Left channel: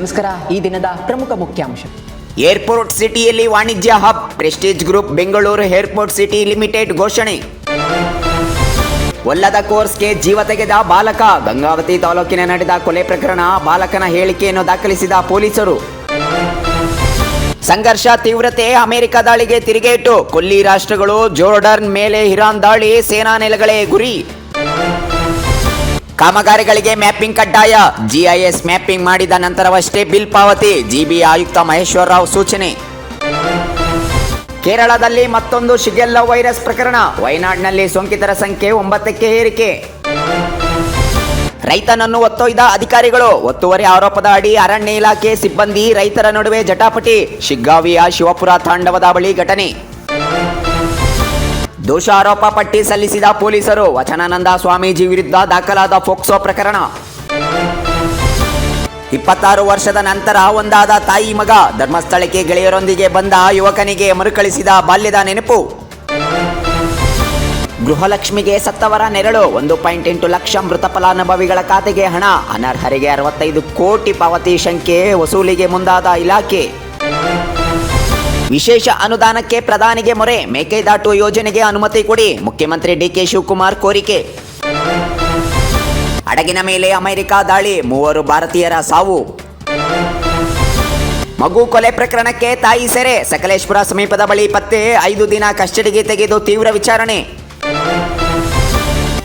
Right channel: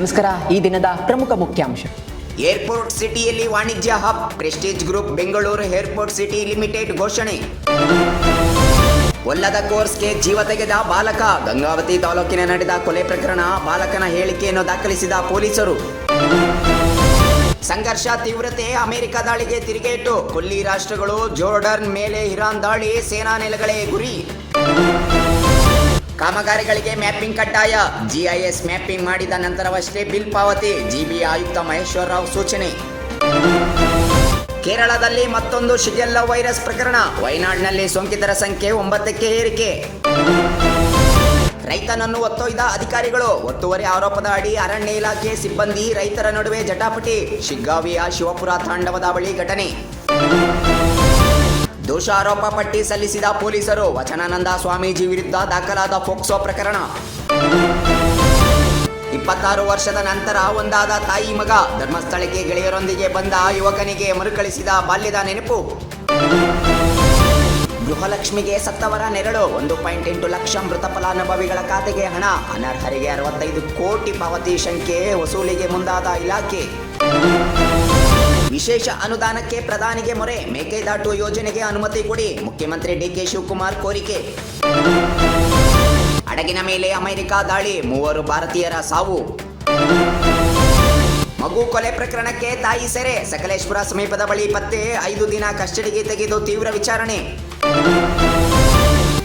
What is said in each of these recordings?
ನಮಸ್ಕಾರ. ಈ ದಿನದ ಪ್ರಮುಖ ಮುಖ್ಯಾಂಶ. ಏರ್ಪೋರ್ಟ್ ಸಿಟಿಯಲ್ಲಿ ವಾಣಿಜ್ಯ hub, Prestige group Bengaluru airport city limited ಘೋಷಣೆ. ಒಲ್ಲದ ಕೋರ್ಸ್ಗೆ ಜೀವ ತೆಗೆದ ಬಾಲಕ, ಗಂಗಾವತಿ ತಾಲೂಕಿನ ನಡೆದ ಕೊಲೆ ಪ್ರಕರಣ, ಬಾಲಕನ ಹೇಳಿಕೆಯನ್ನು ದಾಖಲಿಸಿದ ಪೊಲೀಸರು. ಸಂಘರ್ಷ ತೀವ್ರತೆ, ಅಮೆರಿಕ ದಾಳಿಗೆ ತಿರುಗೇಟು, ಕೊಲ್ಲಿ ರಾಷ್ಟ್ರಗಳು ಜೋರ್ಡನ್ ಮೇಲೆ ಇರಾನ್ ದಾಳಿ, ಸೇನಾ ನೆಲೆಗಳೇ ಗುರಿ. ಕಾಮಗಾರಿಗಳಿಗೆ ಮ್ಯಾಪಿಂಗ್ ಕಡ್ಡಾಯ, ಜಿಐಎಸ್ ಮ್ಯಾಪಿಂಗ್ ಮಾಡಿದ ನಂತರವಷ್ಟೇ ಬಿಲ್ ಪಾವತಿ, ಜಿಬಿ ಆಯುಕ್ತ ಮಹೇಶ್ವರ ರಾವ್ ಸೂಚನೆ. ಕೇರಳದಲ್ಲಿ ಮತ್ತೊಂದು ಶಿಗೆಲ್ಲಾ ವೈರಸ್ ಪ್ರಕರಣ, ವಯನಾಡಿನಲ್ಲಿ ಸೋಂಕಿತರ ಸಂಖ್ಯೆ 9ಕ್ಕೆ ಏರಿಕೆ. ರೈತನನ್ನು ಒತ್ತೊಯ್ದ ಅಧಿಕಾರಿಗಳು, ಒತ್ತುವರಿ ಆರೋಪದ ಅಡಿ ಅರಣ್ಯ ಇಲಾಖೆ ಸಿಬ್ಬಂದಿ ರೈತರ ನಡುವೆ ಜಟಾಪಟಿ, ಶಿಗ್ಗಾವಿಯ ಶಿವಪುರ ತಾಂಡವದ ಬಳಿ ಘಟನೆ. ದೋಷಾರೋಪ ಪಟ್ಟಿ ಸಲ್ಲಿಸಿದ ಪೊಲೀಸರು, ವಚನಾನಂದ ಸ್ವಾಮೀಜಿ ವಿರುದ್ಧ ದಾಖಲಾದ ಫೋಕ್ಸೋ ಪ್ರಕರಣ. 26 ವರ್ಷದ ನಂತರ ಒಂದಾದ ತಾಯಿ ಮಗ, ಧರ್ಮಸ್ಥಳಕ್ಕೆ ಗೆಳೆಯರೊಂದಿಗೆ ಬಂದ ಯುವಕನಿಗೆ ಮರುಕಳಿಸಿದ ಬಾಲ್ಯದ ನೆನಪು. ಗೃಹಲಕ್ಷ್ಮಿಗೆ ಸತ್ತವರ ನೆರಳು, 1.8 ಲಕ್ಷ ಮೃತ ಫಲಾನುಭವಿಗಳ ಖಾತೆಗೆ ಹಣ, ಅನರ್ಹರಿಗೆ 65 ಕೋಟಿ ಪಾವತಿ ಶಂಕೆ ವಸೂಲಿಗೆ ಮುಂದಾದ ಇಲಾಖೆ. ವಿಶೇಷ ಅನುದಾನಕ್ಕೆ ಪ್ರಧಾನಿಗೆ ಮೊರೆ, ಮೇಕೆದಾಟು ಯೋಜನೆಗೆ ಅನುಮತಿ ಕೊಡಿ, ಮುಖ್ಯಮಂತ್ರಿ ಡಿಕೆ ಶಿವಕುಮಾರ್ ಕೋರಿಕೆ. ಹಡಗಿನ ಮೇಲೆ ಅಮೆರಿಕ ದಾಳಿ, 3 ಭಾರತೀಯರ ಸಾವು. ಮಗು ಕೊಲೆ ಪ್ರಕರಣಕ್ಕೆ ತಾಯಿ ಸೆರೆ, ಸಕಲೇಶ್ಪುರ ಸಮೀಪದ ಬಳಿ ಪತ್ತೆ, 5 ದಿನ ಕಸ್ಟಡಿಗೆ ತೆಗೆದು ತೀವ್ರ ವಿಚಾರಣೆ.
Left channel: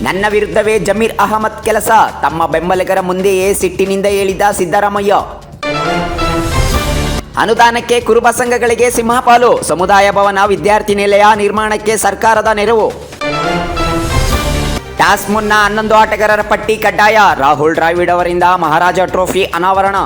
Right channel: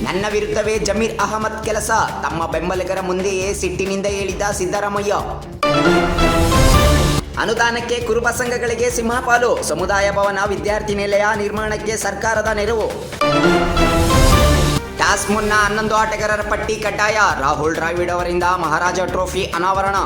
ನನ್ನ ವಿರುದ್ಧವೇ ಜಮೀರ್ ಅಹಮದ್ ಕೆಲಸ, ತಮ್ಮ ಬೆಂಬಲಿಗರ ಮುಂದೆಯೇ ಸಿಟ್ಟಿನಿಂದ ಹೇಳಿದ ಸಿದ್ದರಾಮಯ್ಯ. ಅನುದಾನಕ್ಕೆ ಕುರುಬ ಸಂಘಗಳಿಗೆ ಸಿಂಹಪಾಲು, ಸಮುದಾಯ ಭವನ ವಿದ್ಯಾರ್ಥಿ ನಿಲಯ ನಿರ್ಮಾಣಕ್ಕೆ ಸರ್ಕಾರದ ನೆರವು. ಟಾಸ್ ಮುನ್ನ 11 ಆಟಗಾರರ ಪಟ್ಟಿ ಕಡ್ಡಾಯ, ರಾಹುಲ್ ದ್ರಾವಿಡ್ ಅವರಿಂದ ಮಹಾರಾಜ ಟ್ರೋಫಿ ಅನಾವರಣ.